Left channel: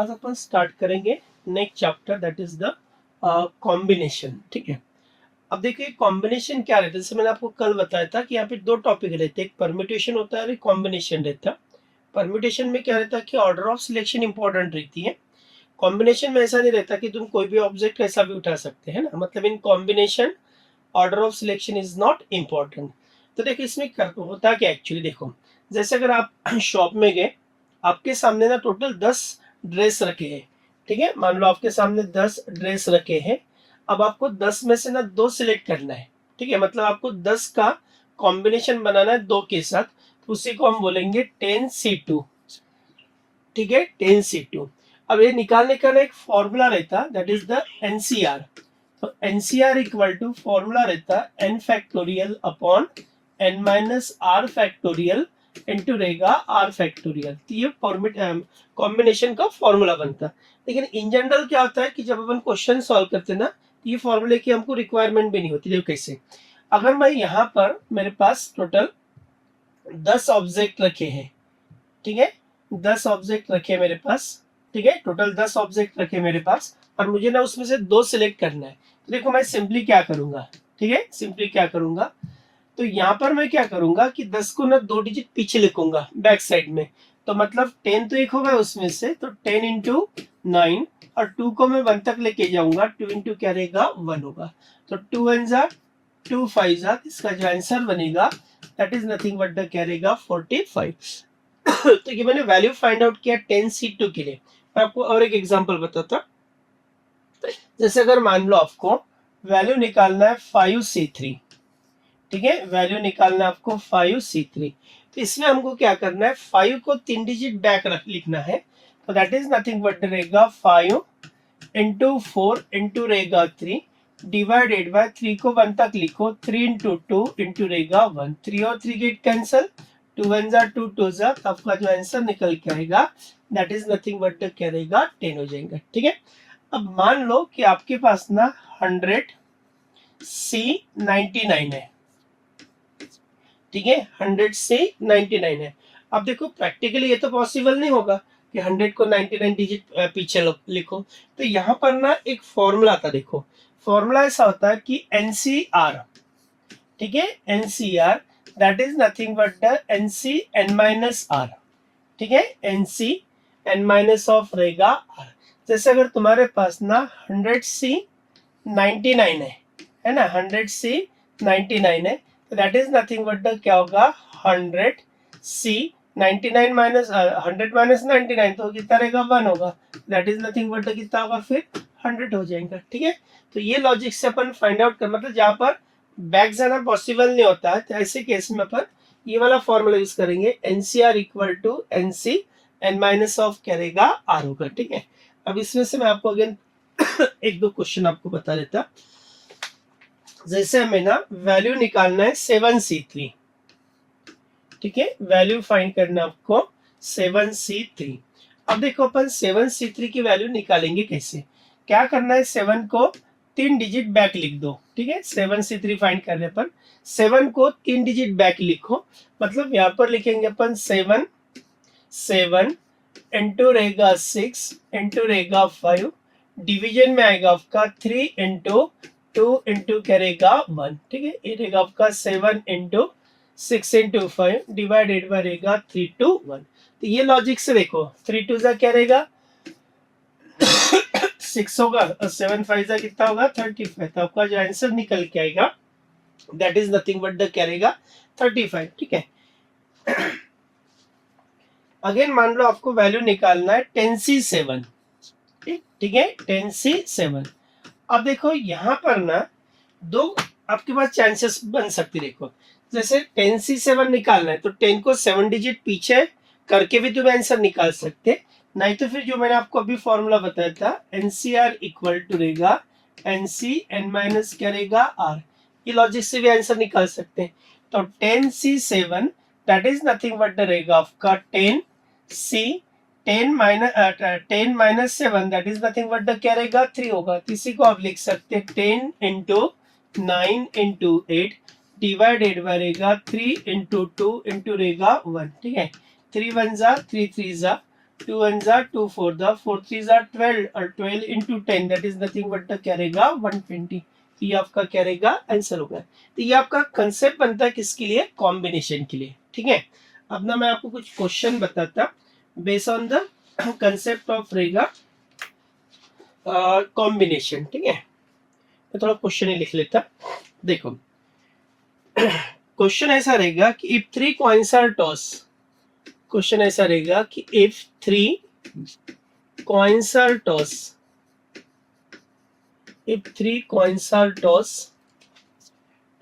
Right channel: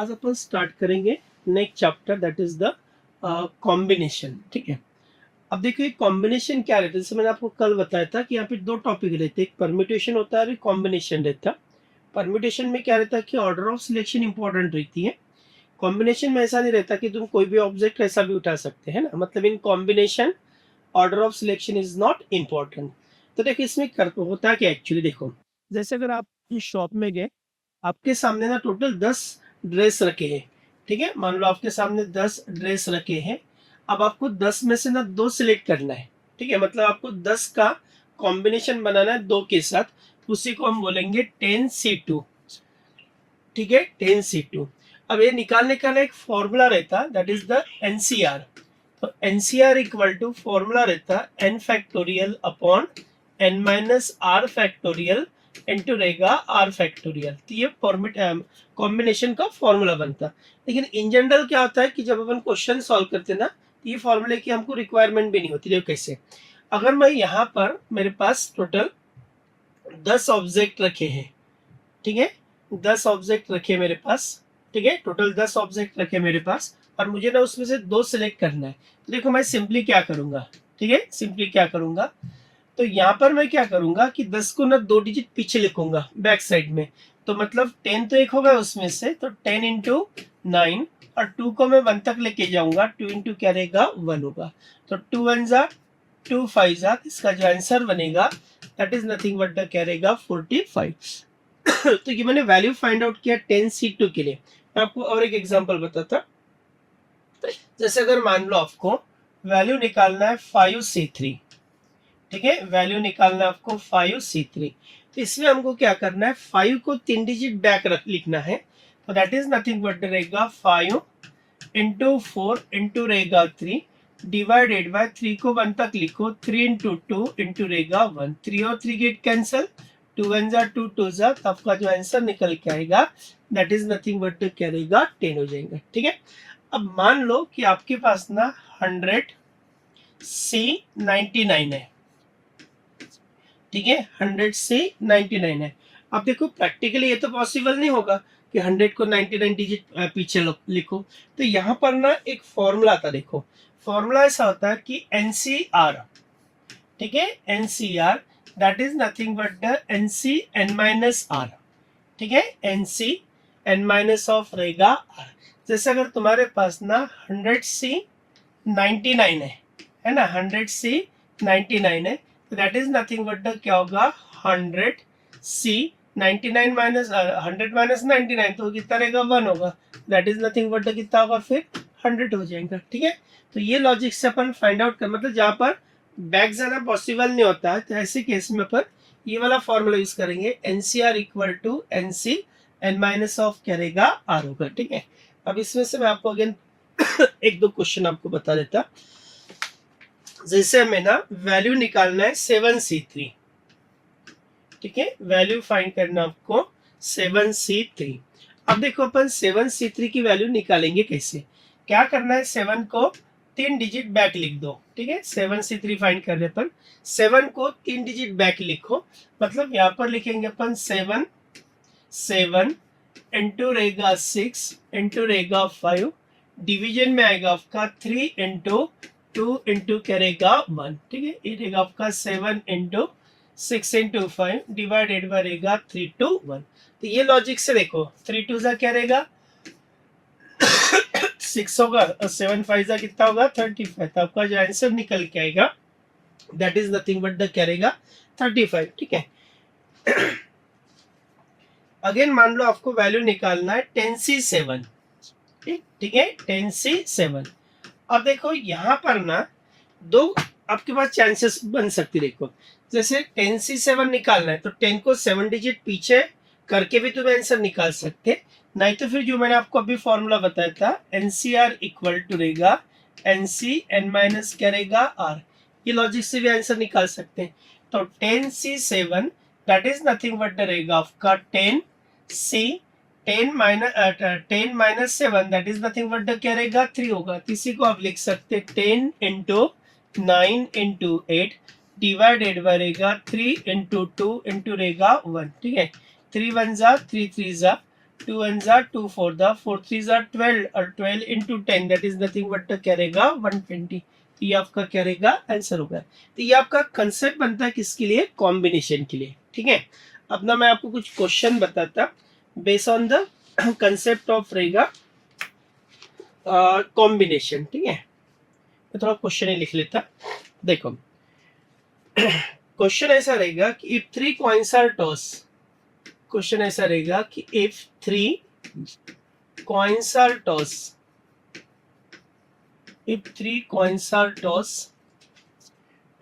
आज अपन स्टार्ट करेंगे next chapter, that is the combination. ठीक है, अब देखिए कॉम्बिनेशन क्या रहता है। जैसे मैंने आपको कल बताया था कि यहाँ पे दो टॉपिक रहते हैं, एक परम्यूटेशन होता है और एक कॉम्बिनेशन रहता है। परम्यूटेशन में क्या रहता है कि ऑर्डर ऑफ सिलेक्शन इंपॉर्टेंट रहती है। कॉम्बिनेशन में ऐसा नहीं रहता कि तुम कोई भी ऑब्जेक्ट कैसा भी उठा सकते हैं ना, मतलब in combination order of selection is not important. तो देखिए इसमें होता क्या एक्चुअली, देखो जैसे अगर आप शॉप में गए, आपके सामने ना टोटल 10 ड्रेस रखे हैं। ठीक है, मान लो आपके सामने 10 ड्रेस रखे हैं। अब आपको 10 में से ना 2 सिलेक्ट करना है। ठीक है, मतलब आपको 10 का कॉम्बिनेशन बनाना है 2 के साथ, उसी को हम बोलेंगे 10C2। ठीक है, 10C2। अब ये निकालने का एक फॉर्मूला रहता, दैट इज द एनसीआर। तो एनसीआर इक्वल टू फॉर्मूला रहता n factorial upon n minus r factorial into रहेगा आर फैक्टोरियल। तो ये कॉम्बिनेशन का फॉर्मूला बनता। लेकिन इन जनरल क्या होता है कि जब अपन क्वेश्चन सॉल्व करते हैं ना, तो ये फॉर्मूले की हमको रिक्वायरमेंट भी नहीं होती। देखो कैसे, अगर मैं यहाँ पर मेरे पास टोटल 10 ऑब्जेक्ट रखे हैं। ठीक है, 10 ऑब्जेक्ट रखे मेरे पास। ठीक है, टोटल 10 ऑब्जेक्ट रखे मेरे पास और मुझे ना उसमें से 2 सिलेक्ट करना है। तो देखो मैं सिंपली क्या करूंगा, ठीक है, सिंपली क्या करूंगा, तो यहाँ पर मैं क्या करूंगा कि 10 को ना 2 डिजिट पीछे लिखूंगा बैक साइड में। तो मतलब 10 तो एक होगा उसमें से, तो 10 इंटू 9 और 2 को मैं 1 तक लेके जाऊंगा। 2 इंटू क्या रहेगा 1 होगा। तो 2 1 जा 2 5 जा, इसका जो आंसर बनेगा that is nothing but the क्या रहेगा 45। तो ये मैंने वैल्यू फाइंड आउट किया 10C2 के लिए। मैं आपको और एक एग्जांपल बताता। जैसे अगर मान लो आपको वैल्यू निकालना है 5C3। ठीक है, वैल्यू निकालना है आपको 5C3। तो इसमें हमको क्या करना है, 5 को 3 डिजिट बैक लिखना है। तो दैट इज नथिंग बट रहेगा 5 इंटू 4 इंटू रहेगा 3 डिवाइडेड बाय 3 को 1 तक लिखो। 3 इंटू 2 इंटू रहेगा 1। 3 और 3 गेट कैंसल, 2 1 जा 2 2 जा, तो आपका जो आंसर निकल के आएगा दैट इज नथिंग बट क्या रहेगा 10 हो जाएगा। ठीक है, अब मान लो कि आपके पास ना 100C99 है। ठीक है, 100C99 है। अब देखो प्रैक्टिकली ये तो पॉसिबल नहीं होगा कि 100 को 99 डिजिट पीछे लिखो। तो यहाँ पर ना एक फॉर्मूला था। देखो फॉर्मूला ऐसा होता है कि एनसीआर, ठीक है, nCr that is nothing but the nC n minus r. ठीक है, एनसी एन माइनस ऑफ रहेगा आर। जैसे अगर तुम्हारे पास ना 100C99 है ना, 100C99 है, तो that is nothing but the क्या होगा 100C99 माइनस 100 माइनस 99, तो कितना रहेगा 1 होगा। That is nothing but the कितना होगा फिर 100 हो जाएगा। ठीक है, तो ये लॉजिक से अपन फाइंड आउट कर, मतलब जहाँ पर बैक जाना पॉसिबल नहीं होता तो ऐसे केस में अपन ये वाला फॉर्मूला यूज करेंगे, nCr equal to nC n minus of क्या रहेगा आर होगा। ठीक है, अब इसमें से मैं आपको अगेन एक दो क्वेश्चन आपको बता देता। जैसे हमें ना वैल्यू निकालना है 7C3। ठीक है, वैल्यू फाइंड करना आपको 7C3। अब देखो अपन 7C3 की वैल्यू निकालेंगे कैसे, क्या करना है, 7 को 3 डिजिट बैक लिख दो। ठीक है, 7C3 फाइंड करने पर 7 को 3 डिजिट बैक लिखो, मतलब यहाँ पर लिखेंगे अपन 7 7 इंटू रहेगा 6 इंटू रहेगा 5, डिवीजन में आएगा आपका 3 इंटू 2 इंटू करेगा 1। ठीक है, ये रहेगा आपका 7 इंटू 6 इंटू 5 डिवाइडेड बाय रहेगा 3 to 1। तो ये लॉजिक से देखो 3 2 जा क्या रहेगा 6 होगा और 7 5 जा कितना होगा 35। तो आपका जो आंसर निकल के आएगा that is nothing but the क्या रहेगा 35। ठीक है, अगेन मान लो आपको वैल्यू निकालना है 10C7। ठीक है, 10C7। अब देखो यहाँ पर ना दो आपके पास चांसेस बन सकती। देखो जैसे 10C7 निकालना है तो 10 को 7 डिजिट पीछे करके भी तुम आंसर निकाल सकते, नहीं तो फिर जो मैंने आपको अभी फॉर्मूला बताया था एनसीआर इक्वल टू रहेगा एनसी एन माइनस क्या रहेगा आर, ये लॉजिक से भी आंसर निकाल सकते हैं। तो 10C7 that is nothing but रहेगा आपका 10 minus 7 that is nothing but क्या रहेगा 3 होगा। किसी को आप लिख सकते हैं 10 इंटू 9 इंटू 8 डिवाइडेड बाय रहेगा 3 इंटू 2 इंटू रहेगा 1। ठीक है, 3 1 जा 3 3 जा 2 1 जा 2 4 दा 4 3 जा 12 और 12 into 10 that is nothing but क्या रहेगा 120। तो ये आपका क्या रहेगा आंसर होगा। तो ये आपका कंसेप्ट बनता है किसके लिए, कॉम्बिनेशन के लिए। ठीक है, अब ना मैं आपको कुछ क्वेश्चन बताता based on the concept of रहेगा कॉम्बिनेशन। ठीक है, मैं थोड़ा क्वेश्चन ही लिख लेता। देखो क्वेश्चन ऐसा रहेगा कि if three coins are toss, question ऐसा रहेगा कि if three coins are toss, if three coins are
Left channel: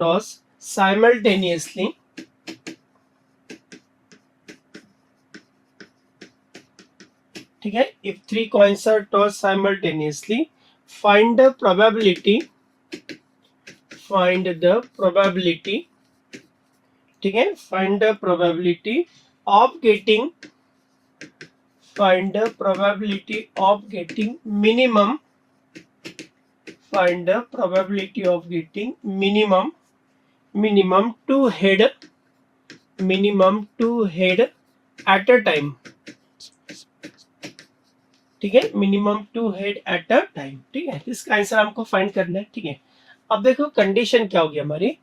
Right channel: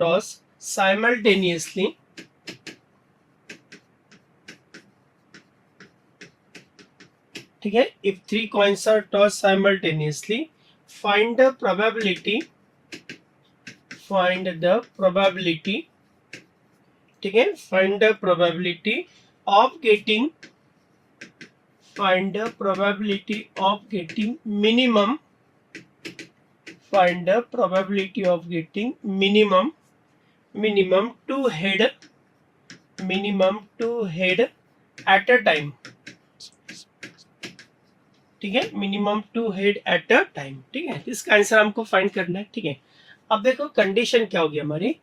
tossed simultaneously, ठीक है, if three coins are tossed simultaneously, find the probability, ठीक है, find the probability of getting, minimum, find the probability of getting minimum two head at a time। ठीक है, minimum 2 head at a time. ठीक है, इसका answer हमको find करना है। ठीक है, अब देखो कंडीशन क्या होगी हमारी,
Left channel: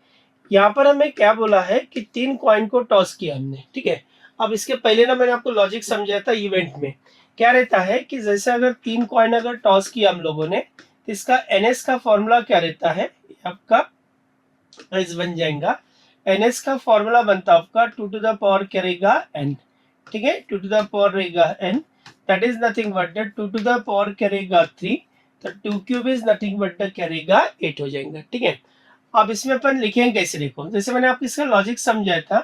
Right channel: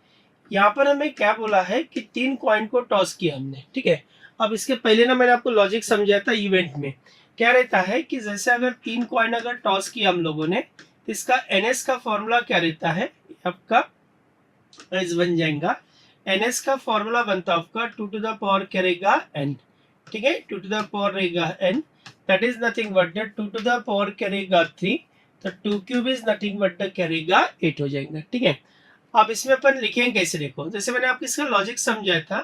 यहाँ पर हमें क्या बोला है कि 3 कॉइन को टॉस किया हमने। ठीक है, अब इसके पहले ना मैंने आपको लॉजिक समझाया था इवेंट में, क्या रहता है कि जैसे अगर 3 कॉइन अगर टॉस किया हम लोगों ने, तो इसका एनएस का फॉर्मूला क्या रहता है आपका, इस बन जाएगा एनएस का फॉर्मूला बनता है आपका 2 टू द पावर करेगा एन। ठीक है, 2 टू द पावर रहेगा n, that is nothing but 2 to the power करेगा 3, तो 2 क्यूब इज नथिंग बट करेगा 8 हो जाएगा। ठीक है, अब इसमें अपन लिखेंगे कैसे, देखो जैसे मैंने आपको इसका लॉजिक समझाया था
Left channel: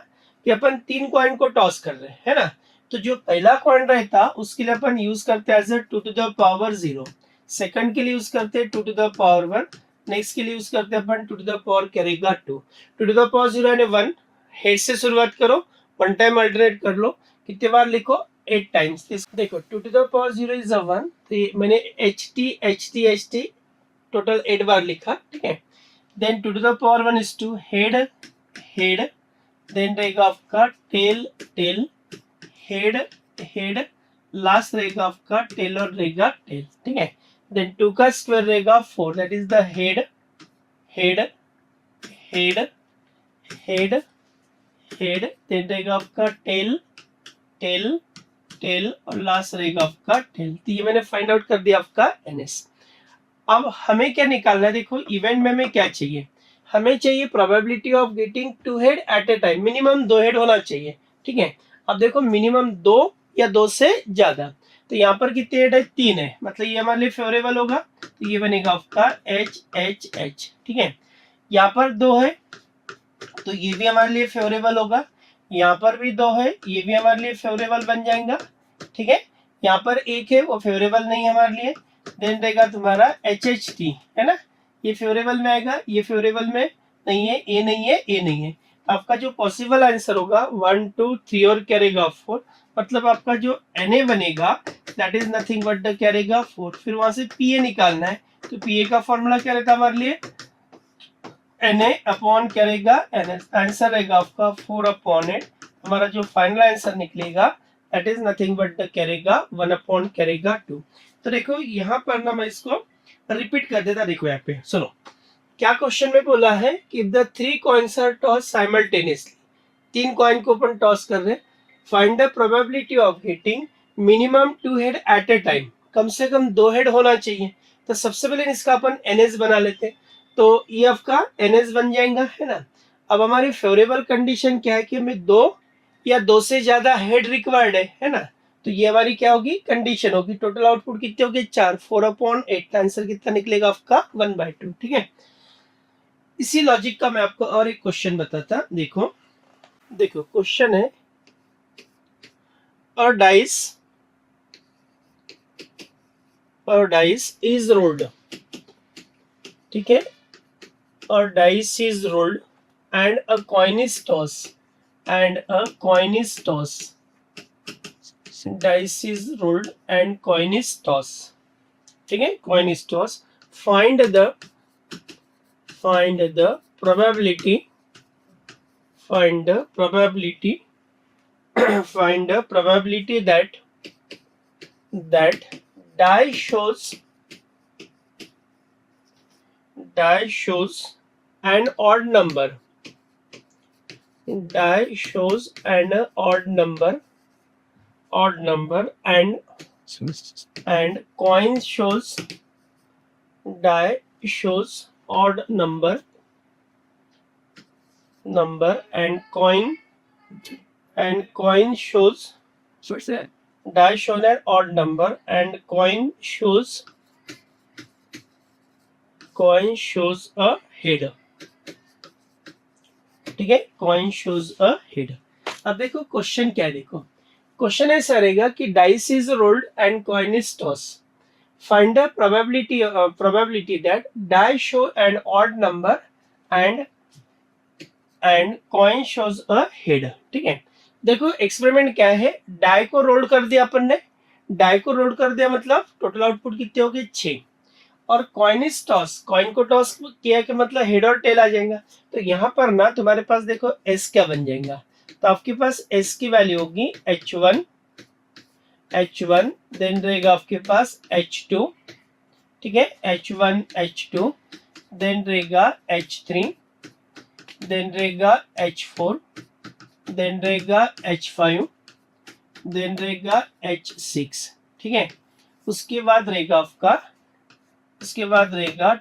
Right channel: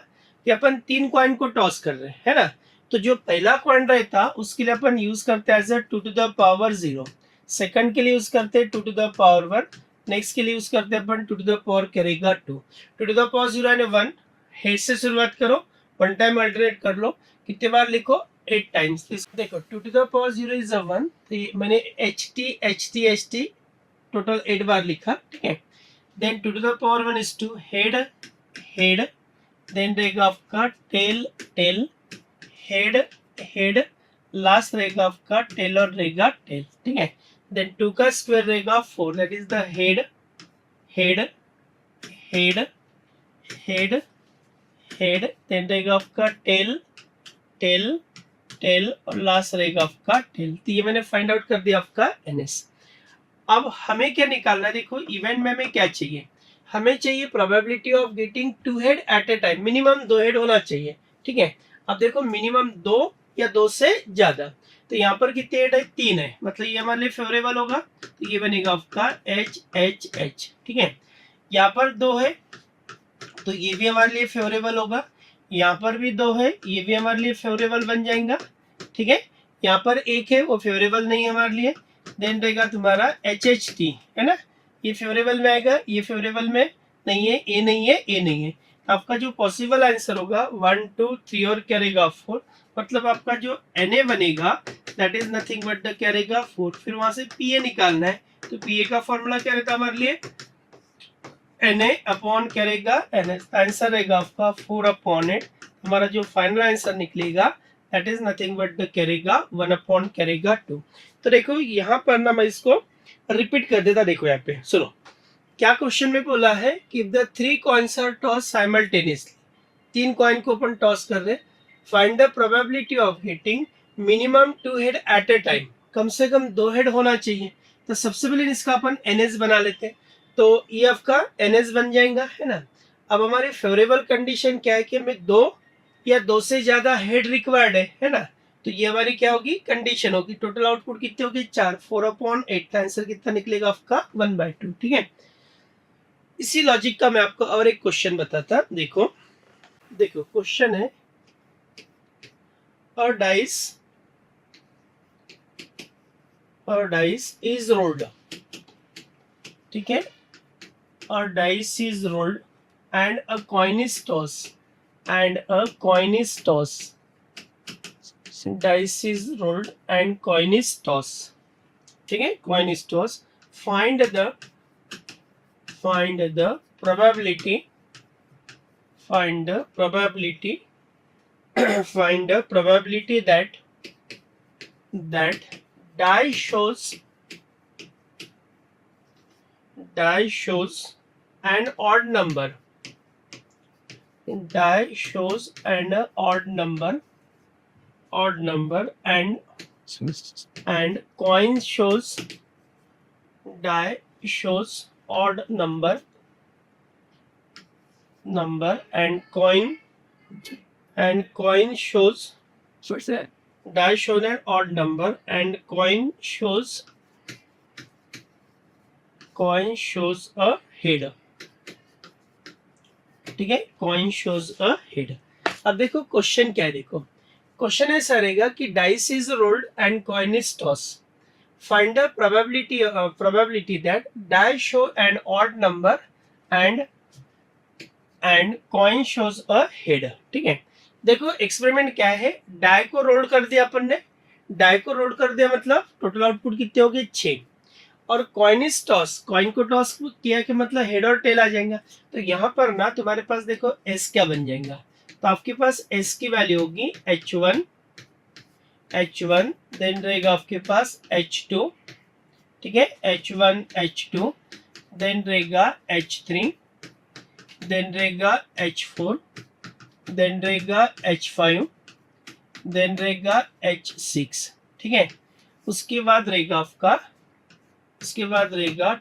कि अपन 3 कॉइन को टॉस कर रहे हैं, है ना, तो जो पहला कॉइन रहता उसके लिए अपन यूज करते हैं as 2 to the power 0, second के लिए यूज करते हैं 2 टू द पावर 1, नेक्स्ट के लिए यूज करते हैं अपन 2 टू द पावर करेगा 2, 2 टू द पावर 0 यानी 1, हेड से शुरुआत करो, 1 टाइम अल्टरनेट कर लो, कितने बार लिखो 8 टाइम्स। देखो 2 टू द पावर 0 इज 1, तो मैंने एच टी टोटल 8 बार लिखा। ठीक है, then 2 to the power 1 is 2, head, then रहेगा आपका टेल, हेड, लास्ट रहेगा आपका टेल और रहेगा टेल। ठीक है, देन 2 का स्क्वायर रहेगा 4, that is the head, then रहेगा आपका टेल और लास्ट रहेगा आपका टेल। तो ये मैंने फाइंड आउट कर दिया आपका एनएस। अब हमें क्या निकालना है, देखो इवेंट में हमें क्या चाहिए, हमें चाहिए probability of getting 2 head at a time, minimum 2 head होना चाहिए। ठीक है, अब देखो मिनिमम 2 या 2 से ज्यादा, तो यहाँ पर कितने हेड है 3 है, मतलब ये हमारे लिए फेवरेबल होगा, तो ये बनेगा आपका एच। ठीक है, यहाँ पर 2 है तो ये भी हमारे लिए फेवरेबल होगा, यहाँ पर भी 2 है ये भी हमारे लिए फेवरेबल बन जाएगा। ठीक है, यहाँ पर 1 है वो फेवरेबल नहीं है हमारे लिए, देन रहेगा तुम्हारा HHT, है ना, ये फेवरेबल में आएगा, ये फेवरेबल में नहीं है, ए नहीं है, ए नहीं है। आपका जो पॉसिबल आंसर होगा 1 2 3 और क्या रहेगा 4, मतलब आपका जो Na बनेगा that is nothing but the क्या रहेगा 4। फिर वहां से Pa निकालना है, तो Pa का फॉर्मूला क्या रहता है हमारे लिए, Na अपॉन करेगा आंसर रहेगा आपका 4 अपॉन 8, हमारा जो फाइनल आंसर निकलेगा that is nothing but the करेगा 1 अपॉन करेगा 2। तो देखो यहाँ पर ना मैं इसको रिपीट कर देता, देखो यहाँ पे सुनो क्या क्वेश्चन में बोला है कि if the 3 coins are toss simultaneously, 3 coin को अपन टॉस कर रहे, find the probability of getting minimum 2 head at a time, कम से कम 2 हेड होना चाहिए। तो सबसे पहले इसका अपन एनएस बना लेते हैं, तो ये आपका एनएस बन जाएगा, है ना। अब हमारी फेवरेबल कंडीशन क्या है कि हमें 2 या 2 से ज्यादा हेड रिक्वायर्ड है ना, तो ये हमारी क्या होगी कंडीशन होगी। टोटल आउटपुट कितने होगी 4, 4 अपॉन 8 का आंसर कितना निकलेगा आपका 1/2। ठीक है, इसी लॉजिक का मैं आपको और एक क्वेश्चन बताता, देखो क्वेश्चन है a dice is rolled, ठीक है, a dice is rolled and a coin is tossed, dice is rolled and coin is tossed, ठीक है, coin is tossed, find the probability that that die shows an odd number. Die shows an odd number and coin shows die shows odd number and coin shows What's that? die shows an odd number and coin shows a head. ठीक है, coin shows a head. अब देखो question क्या है, देखो question ऐसा रहेगा कि dice is rolled and coin is toss. Find the probability that die show an odd number and coin shows a head. ठीक है, देखो एक्सपेरिमेंट क्या है, डाई को रोल कर दिया अपन ने, डाई को रोल कर दिया मतलब टोटल आउटपुट कितने हो गए 6. और कॉइन इज टॉस, कॉइन को टॉस किया कि मतलब हेड और टेल आ जाएगा. तो यहाँ पर ना तुम्हारे पास देखो एस क्या बन जाएगा, तो आपके पास एस की वैल्यू होगी H1, देन रहेगा आपके पास H2. ठीक है, H1 H2, देन रहेगा H3, देन रहेगा H4, देन रहेगा H5, देन रहेगा H6. ठीक है, उसके बाद रहेगा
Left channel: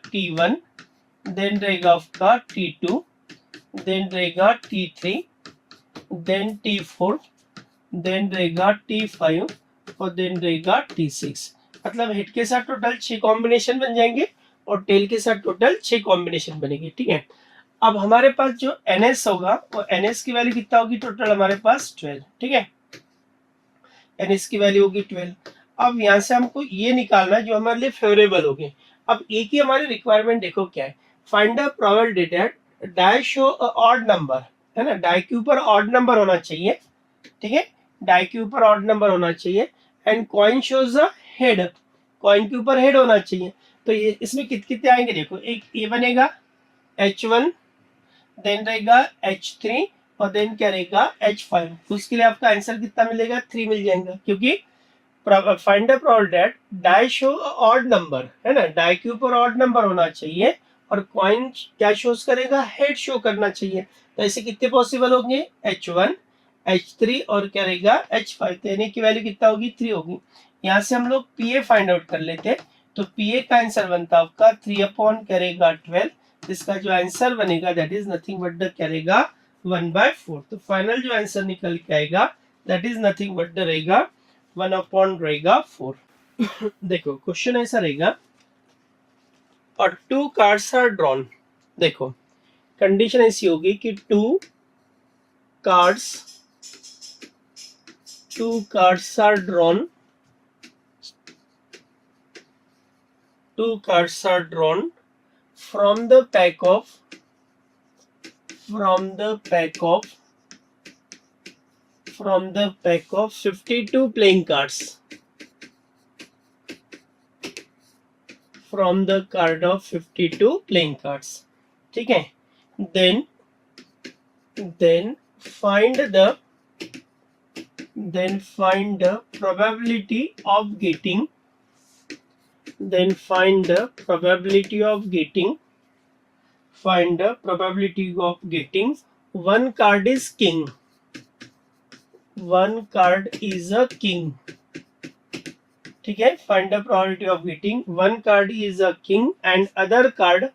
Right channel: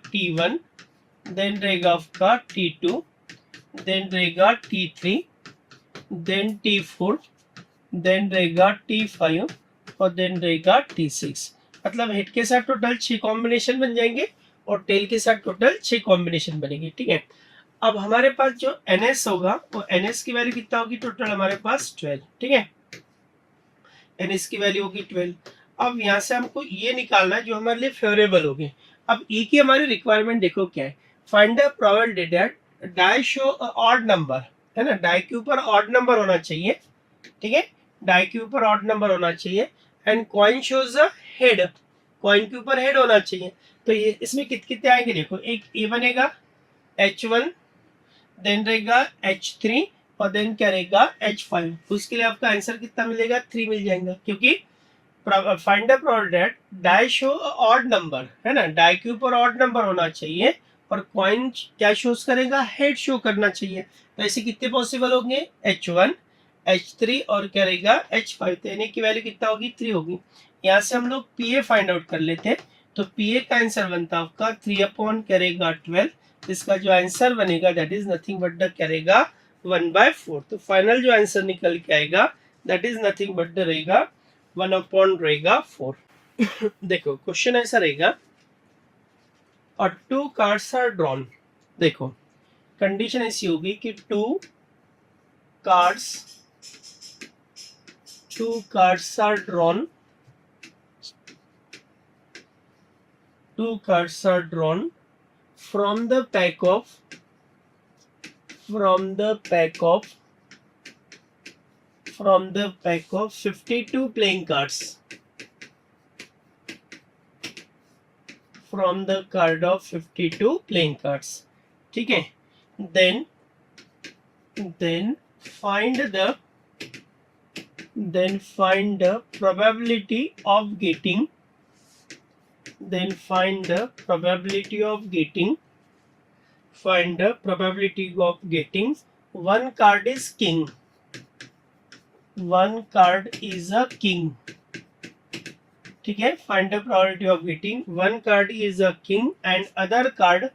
T1, देन रहेगा आपका T2, देन रहेगा T3, देन T4, देन रहेगा T5 और देन रहेगा T6. मतलब हेड के साथ टोटल 6 कॉम्बिनेशन बन जाएंगे और टेल के साथ टोटल 6 कॉम्बिनेशन बनेंगे. ठीक है, अब हमारे पास जो NS होगा वो NS की वैल्यू कितना होगी, टोटल हमारे पास 12. ठीक है, NS की वैल्यू होगी 12. अब यहाँ से हमको ये निकालना है जो हमारे लिए फेवरेबल होगी. अब ई की हमारी रिक्वायरमेंट देखो क्या है, find the probability that die show a odd number. है ना, डाई के ऊपर ऑड नंबर होना चाहिए. ठीक है, डाई के ऊपर ऑड नंबर होना चाहिए and coin shows a head, coin के ऊपर हेड होना चाहिए. तो ये इसमें कितने आएंगे, देखो एक ये बनेगा H1, देन रहेगा H3 और देन क्या रहेगा H5. उसके लिए आपका आंसर कितना मिलेगा, 3 मिल जाएगा. क्योंकि find the probability that die show odd number, है ना, डाई के ऊपर ऑड नंबर होना चाहिए और कॉइन क्या शोज करेगा, हेड शो करना चाहिए. तो ऐसे कितने पॉसिबल होंगे, H1 H3 और क्या रहेगा H5. तो एन की वैल्यू कितना होगी, 3 होगी. यहाँ से हम लोग PA फाइंड आउट कर लेते हैं. तो PA का आंसर बनता है आपका 3 अपॉन करेगा 12. इसका जो आंसर बनेगा that is nothing but the करेगा 1/4. तो फाइनल जो आंसर निकल के आएगा that is nothing but the रहेगा 1 अपॉन रहेगा 4. देखो क्वेश्चन ऐसा रहेगा और 2 कार्ड्स आर ड्रॉन. देखो कंडीशन ऐसी होगी कि 2 cards are drawn. 2 cards are drawn from the pack of 52 playing cards. From the card of 52 playing cards. ठीक है, then find the probability of getting one card is king. One card is a king. ठीक है, find the probability of getting one card is a king and other card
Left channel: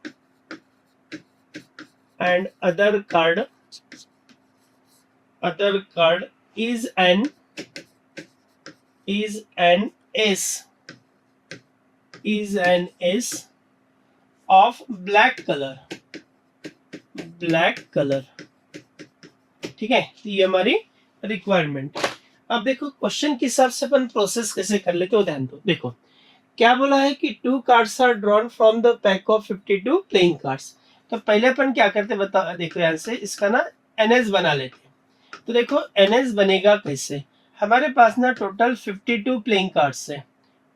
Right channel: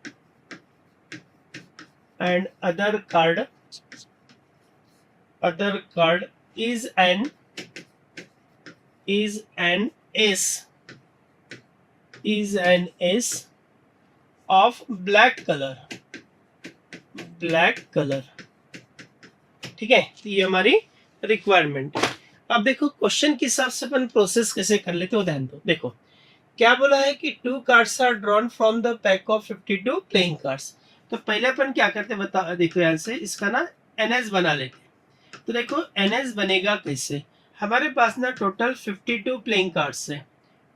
is an ace of black color. ठीक है, तो ये हमारी requirement. अब देखो question के हिसाब से अपन प्रोसेस कैसे कर लेते हो, ध्यान दो. देखो क्या बोला है कि 2 cards are drawn from the pack of 52 playing cards. तो पहले अपन क्या करते बता, देखो यहाँ से इसका ना NS बना लेते. तो देखो NS बनेगा कैसे, हमारे पास ना टोटल 52 प्लेइंग कार्ड्स है.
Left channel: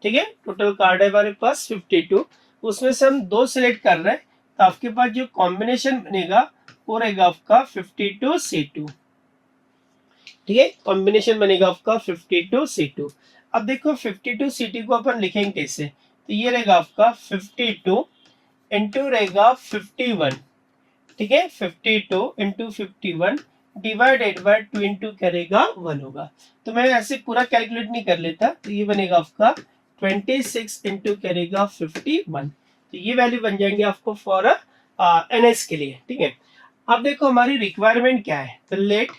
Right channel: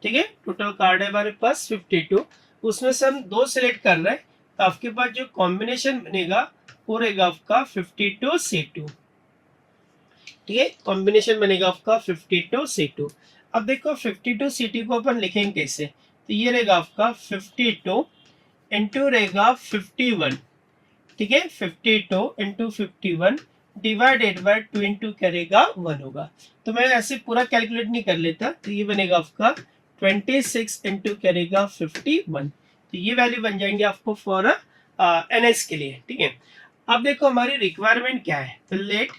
ठीक है, टोटल कार्ड है हमारे पास 52, उसमें से हम 2 सिलेक्ट कर रहे हैं. तो आपके पास जो कॉम्बिनेशन बनेगा वो रहेगा आपका 52C2. ठीक है, कॉम्बिनेशन बनेगा आपका 52C2. अब देखो 52 सिटी को अपन लिखेंगे कैसे, तो ये रहेगा आपका 52 इंटू रहेगा 51, ठीक है, 52 इंटू 51 डिवाइडेड बाय 2 इंटू करेगा 1 होगा। तो मैं ऐसे पूरा कैलकुलेट नहीं कर लेता, तो ये बनेगा आपका 26 इंटू करेगा 51, तो ये वैल्यू बन जाएंगे आपको फॉर एनएस के लिए, ठीक है। अब देखो हमारी रिक्वायरमेंट क्या है, तो लेट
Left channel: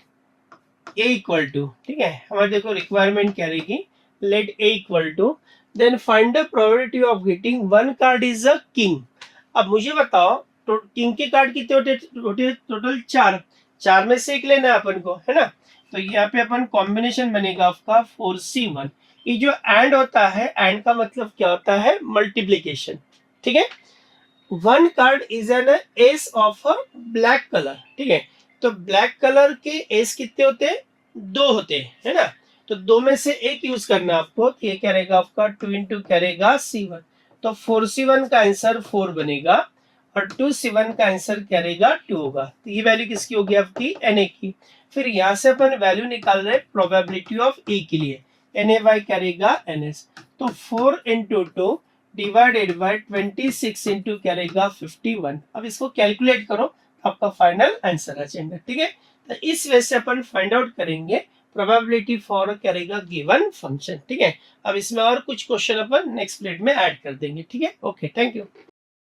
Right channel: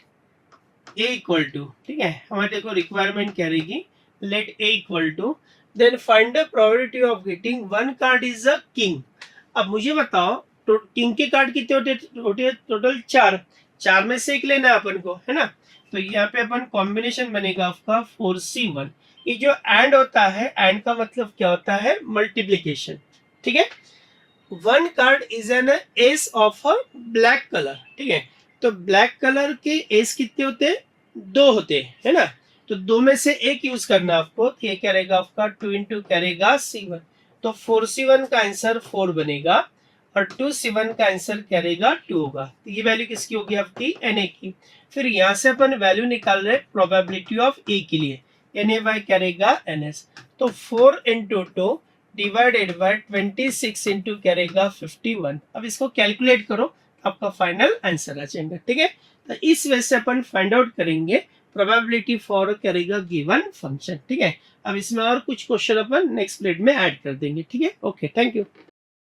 ए इक्वल टू, ठीक है, हमारे देखो रिक्वायरमेंट क्या रहेगी, let A equal to, then find the probability of getting one card is a king. अब मुझे बताओ तो किंग के कार्ड कितने होते हैं, टोटल 4, 4 में से एक लेना है अपन को, है ना। तो यहाँ पे अपन कॉम्बिनेशन बनेगा आपका 4C1। ये जो एंड होता है, एंड का मतलब क्या होता है, मल्टीप्लीकेशन, ठीक है। One card is an S of a black colour, ठीक है। तो ब्लैक कलर के एस कितने होते हैं, 2 होते हैं, है ना। तो 2 में से एक यूज करना आपको, तो ये क्या रहेगा आपका 2 इंटू करेगा C1, तो 4C1 का आंसर 4 बनेगा और 2C1 का आंसर क्या रहेगा 2 होगा। तो ये वैल्यू किसकी होगी आपकी, Na की। फिर यहाँ से अपन वैल्यू निकाल रहे हैं प्रोबेबिलिटी ऑफ ए के लिए, Na क्या रहेगा NS, तो 4 इंटू 2 डिवाइडेड बाय 26 इंटू करेगा 51। अब इसको कैलकुलेट करो, आपका फाइनल आंसर आ जाएगा, ठीक है। तो इस वजह से अपन फाइंड आउट करेंगे प्रोबेबिलिटी फॉर करेगा गिवन फंक्शन, ठीक है। अब इसमें और कुछ क्वेश्चन अपन नेक्स्ट प्लेट में ऐड कर देंगे, ठीक है। Okay, thank you.